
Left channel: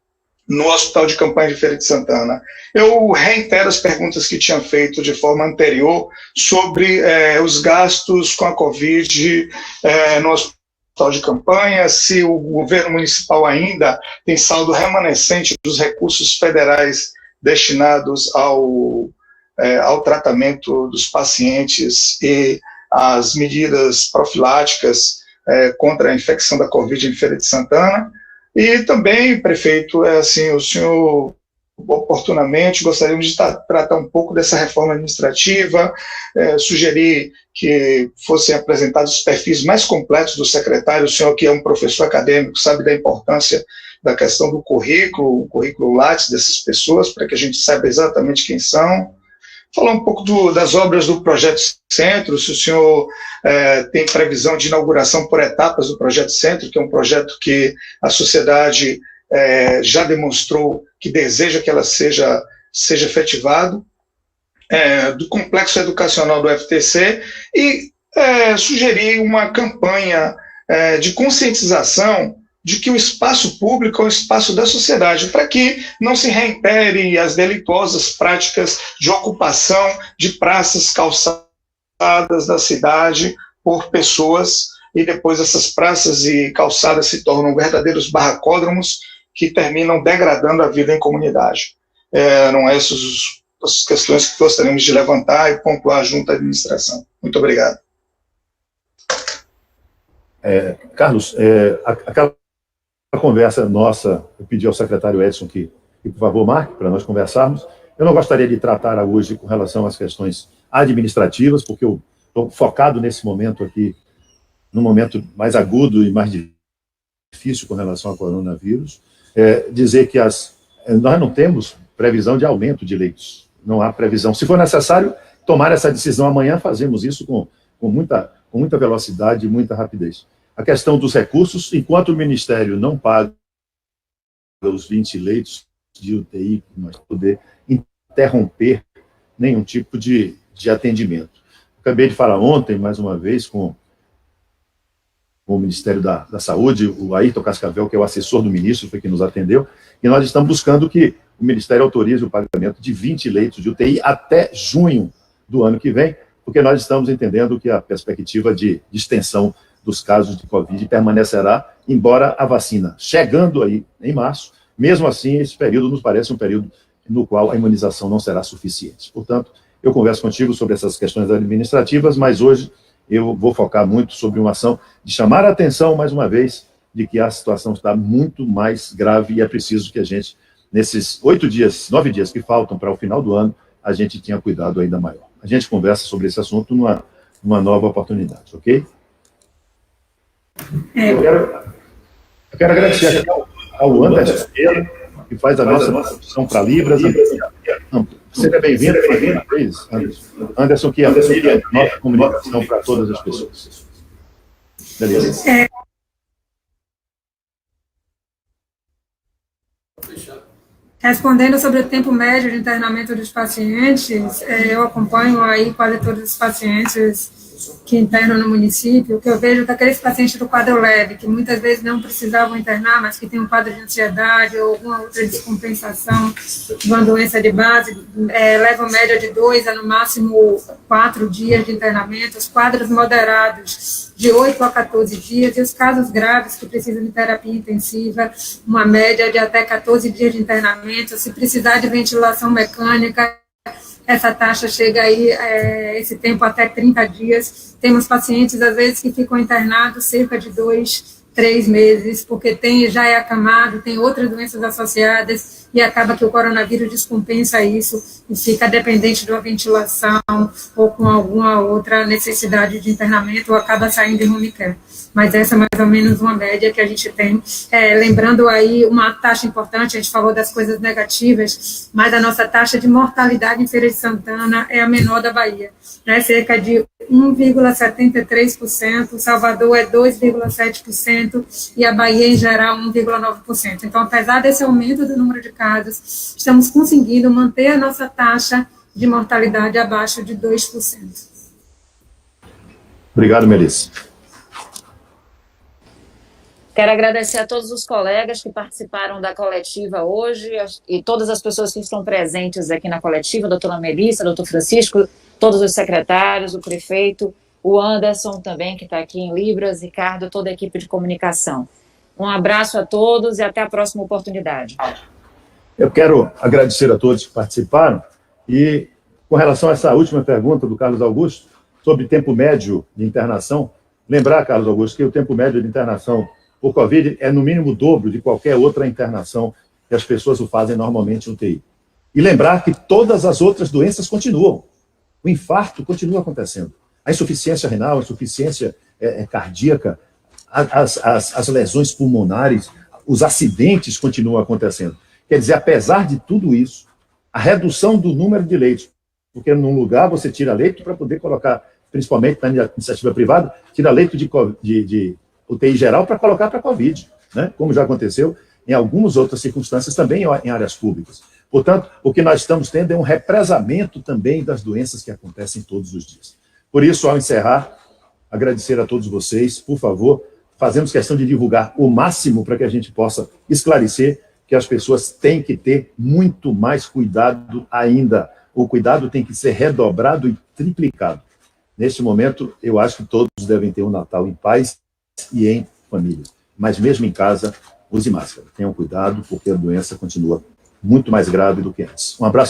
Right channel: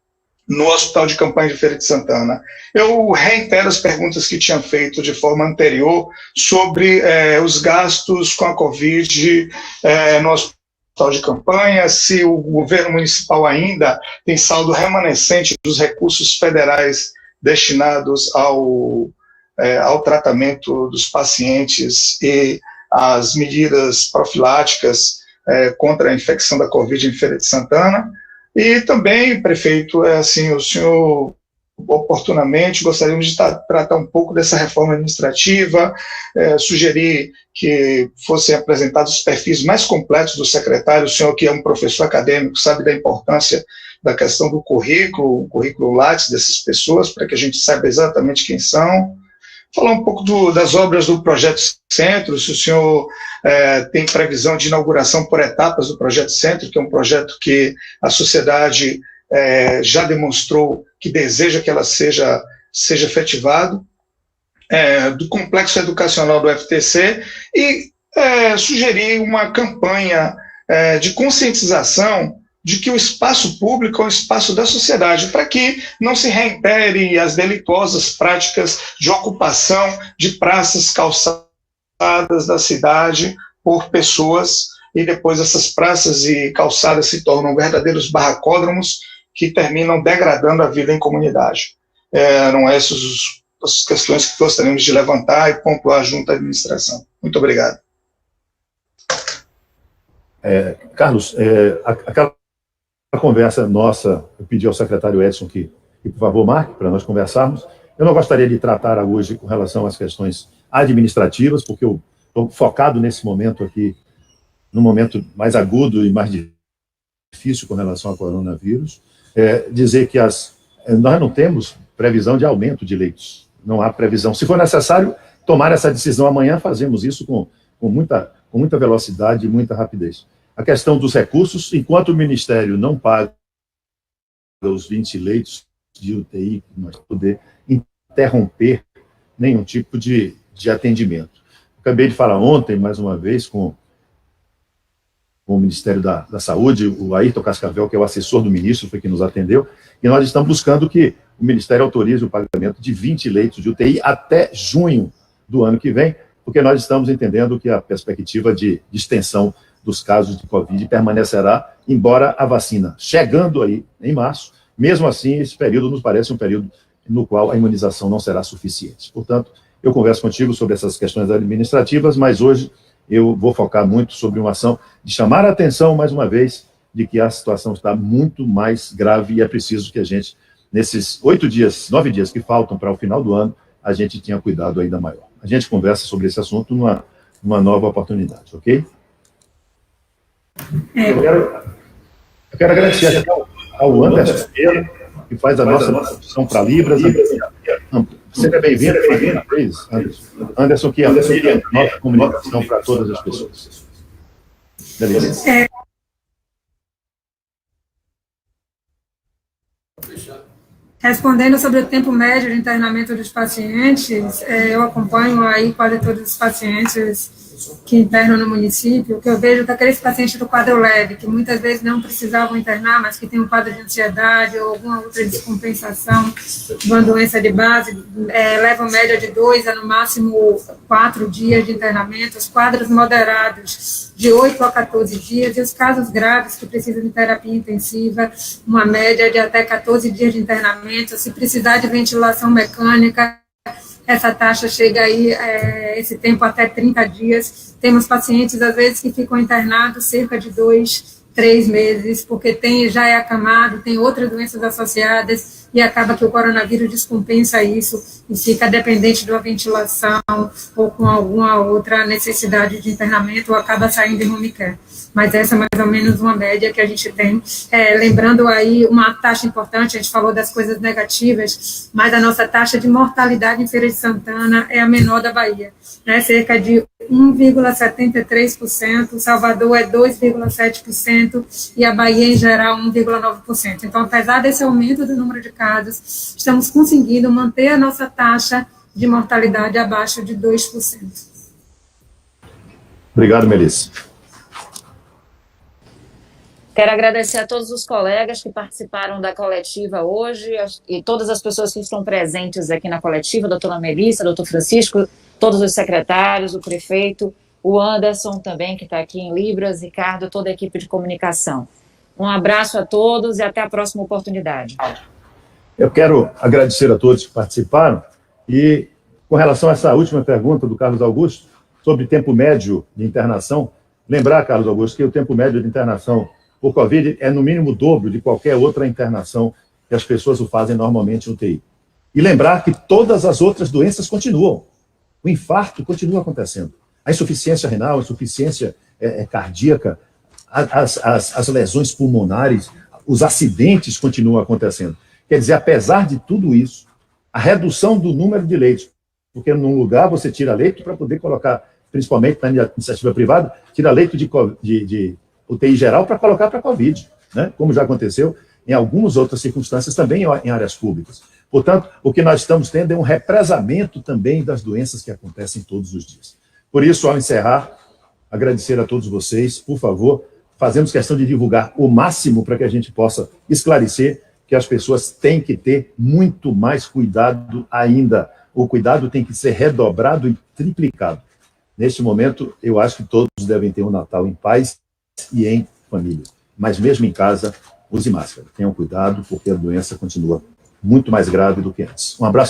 no Hospital de Campanha de Feira de Santana. Eu reitero as perguntas que tinha feito de forma anterior sobre os gastos com a Covid no Hospital de Campanha, se o governo municipal ainda tem saldo remanescente dos recursos federais destinados ao tratamento dos pacientes e às medidas profiláticas contra a infecção da Covid em Feira de Santana. E também, prefeito, o senhor oportunamente gostaríamos de tratar um pouco dessa reforma administrativa, sugerir que fossem apresentados os perfis mais completos do secretário. O senhor, que é um professor acadêmico, sabe da importância da questão do currículo, o currículo Lattes dessas pessoas, para que a gente saiba exatamente quem são. Falar um pouco das obras do Projeto Centro, se o senhor tem previsão de inauguração por etapas do Projeto Centro, que é um projeto que a sociedade já demonstrou que deseja que ela seja efetivado, do complexo educacional do FTC, e sugerir uma campanha de conscientização de que o espaço público é o espaço da sociedade, para que não se reitere as delituosas práticas de ocupação de praças, calçadas da cidade por pessoas, e depois essas praças e calçadas se tornam verdadeiros barracódromos que terminam degradando a vida em comunidade. Eram essas as questões que gostaríamos de levantar e pontuar junto à administração. Muito obrigado. Carlos, aquela conversa nossa, eu pedi ao secretário Edson que por favor, marque para nós conversarmos. Eu não gostaria de tratar hoje com relação às questões administrativas, porque eu estou focado nesse momento aqui, num momento mais agudo e mais difícil com relação ao coronavírus. Dizer que nós não temos previsão de aumento de leitos, não há previsão. Se for necessário tomar essa decisão amanhã, fazemos isso com muita velocidade e muita rapidez. A questão dos recursos, enquanto o Ministério não paga os 20 leitos de UTI, nós poder interromper nenhum tipo de atendimento. Acabei de falar ontem, mais uma vez, com o Ministério da Saúde, o Ayrton Cascavel, que é o assessor do ministro, foi que nos atendeu, e nós estamos buscando que o Ministério autorize o pagamento de 20 leitos de UTI até junho do ano que vem, porque nós estamos entendendo que a perspectiva de extensão dos casos de Covid permanecerá, embora a vacina chegando aí em março, mesmo assim, esse período nos parece um período no qual a imunização não será suficiente. Portanto, eu converso contigo sobre essas questões administrativas, mas hoje eu vou focar muito sobre uma ação de chamar a atenção, mais uma vez, de que a situação está muito mais grave e é preciso que a gente, nesses 9 dias que faltam para o final do ano, a gente tenha cuidado ainda maior. A gente conversa sobre esse assunto numa nova oportunidade, ok? Eu quero agradecer ao Anderson, que faz a nossa tradução para Libras. Seja bem-vindo, Anderson, que amplia a nossa comunicação para todas as pessoas. Beleza. Respondendo sobre o tempo médio de internamento dos pacientes, eu acompanho aí quase todos os pacientes que internam no município. O que eu vejo é que aqueles pacientes do quadro leve, que muitas vezes não precisavam internar, mas que têm um quadro de ansiedade ou alguma outra descompensação de uma doença de base, levam média de 2 a no máximo 4 dias de internamento, os quadros moderados de 8 a 14 dias, e os casos graves que precisam de terapia intensiva, uma média de até 14 dias de internamento. Se precisar de ventilação mecânica, essa taxa chega aí, esse tempo até 30 dias. Temos pacientes, às vezes, que ficam internados cerca de 2, 3 meses, porque já é acamado, tem outras doenças associadas, e acaba que o coronavírus descompensa isso, e fica dependente de uma ventilação, ou com alguma outra necessidade de internamento, ou acaba saindo em home care. Mas essa é mais ou menos uma média que a gente tem. Lembrando aí uma taxa importante, a gente falou das coisas negativas, mas a nossa taxa de mortalidade em Feira de Santana é a menor da Bahia, né? Cerca de 1,73%, Salvador é 2,7% e a Bahia, em geral, 1,9%. Então, apesar desse aumento do número de casos, estamos conseguindo manter a nossa taxa de mortalidade abaixo de 2%. Obrigado, Melissa. Quero agradecer a todos os colegas que participaram da coletiva hoje e todas as pessoas que estão presentes aqui na coletiva, a doutora Melissa, doutor Francisco, todos os secretários, o prefeito, o Anderson também, que está aqui em Libras, Ricardo, toda a equipe de comunicação. Um abraço a todos e até a próxima oportunidade. Eu quero agradecer a todos que participaram e, com relação a essa última pergunta do Carlos Augusto, sobre tempo médio de internação, lembrar, Carlos Augusto, que o tempo médio de internação por Covid é no mínimo o dobro de qualquer outra internação que as pessoas o fazem normalmente no UTI. E lembrar que todas as outras doenças continuam. O infarto continua acontecendo. A insuficiência renal, a insuficiência cardíaca, as lesões pulmonares, os acidentes continuam acontecendo. Quer dizer, apesar de tudo isso, a redução do número de leitos, porque num lugar você tira leito para poder colocar, principalmente na iniciativa privada, tira leito de UTI geral para colocar para Covid, né? Como já aconteceu em algumas outras circunstâncias também em áreas públicas. Portanto, o que nós estamos tendo é um represamento também das doenças que acontecem todos os dias. Por isso, ao encerrar, agradecer a todos vocês, por favor, fazemos questão de divulgar o máximo para que a gente possa esclarecer que as pessoas têm que ter muito mais cuidado ainda. O cuidado tem que ser redobrado e triplicado. Neste momento, eu acho que todos devem ter um Natal em paz e em família. Mas mesmo em casa, use máscara. Tenham cuidado, porque a doença continua muito mais grave do que antes. Um abraço.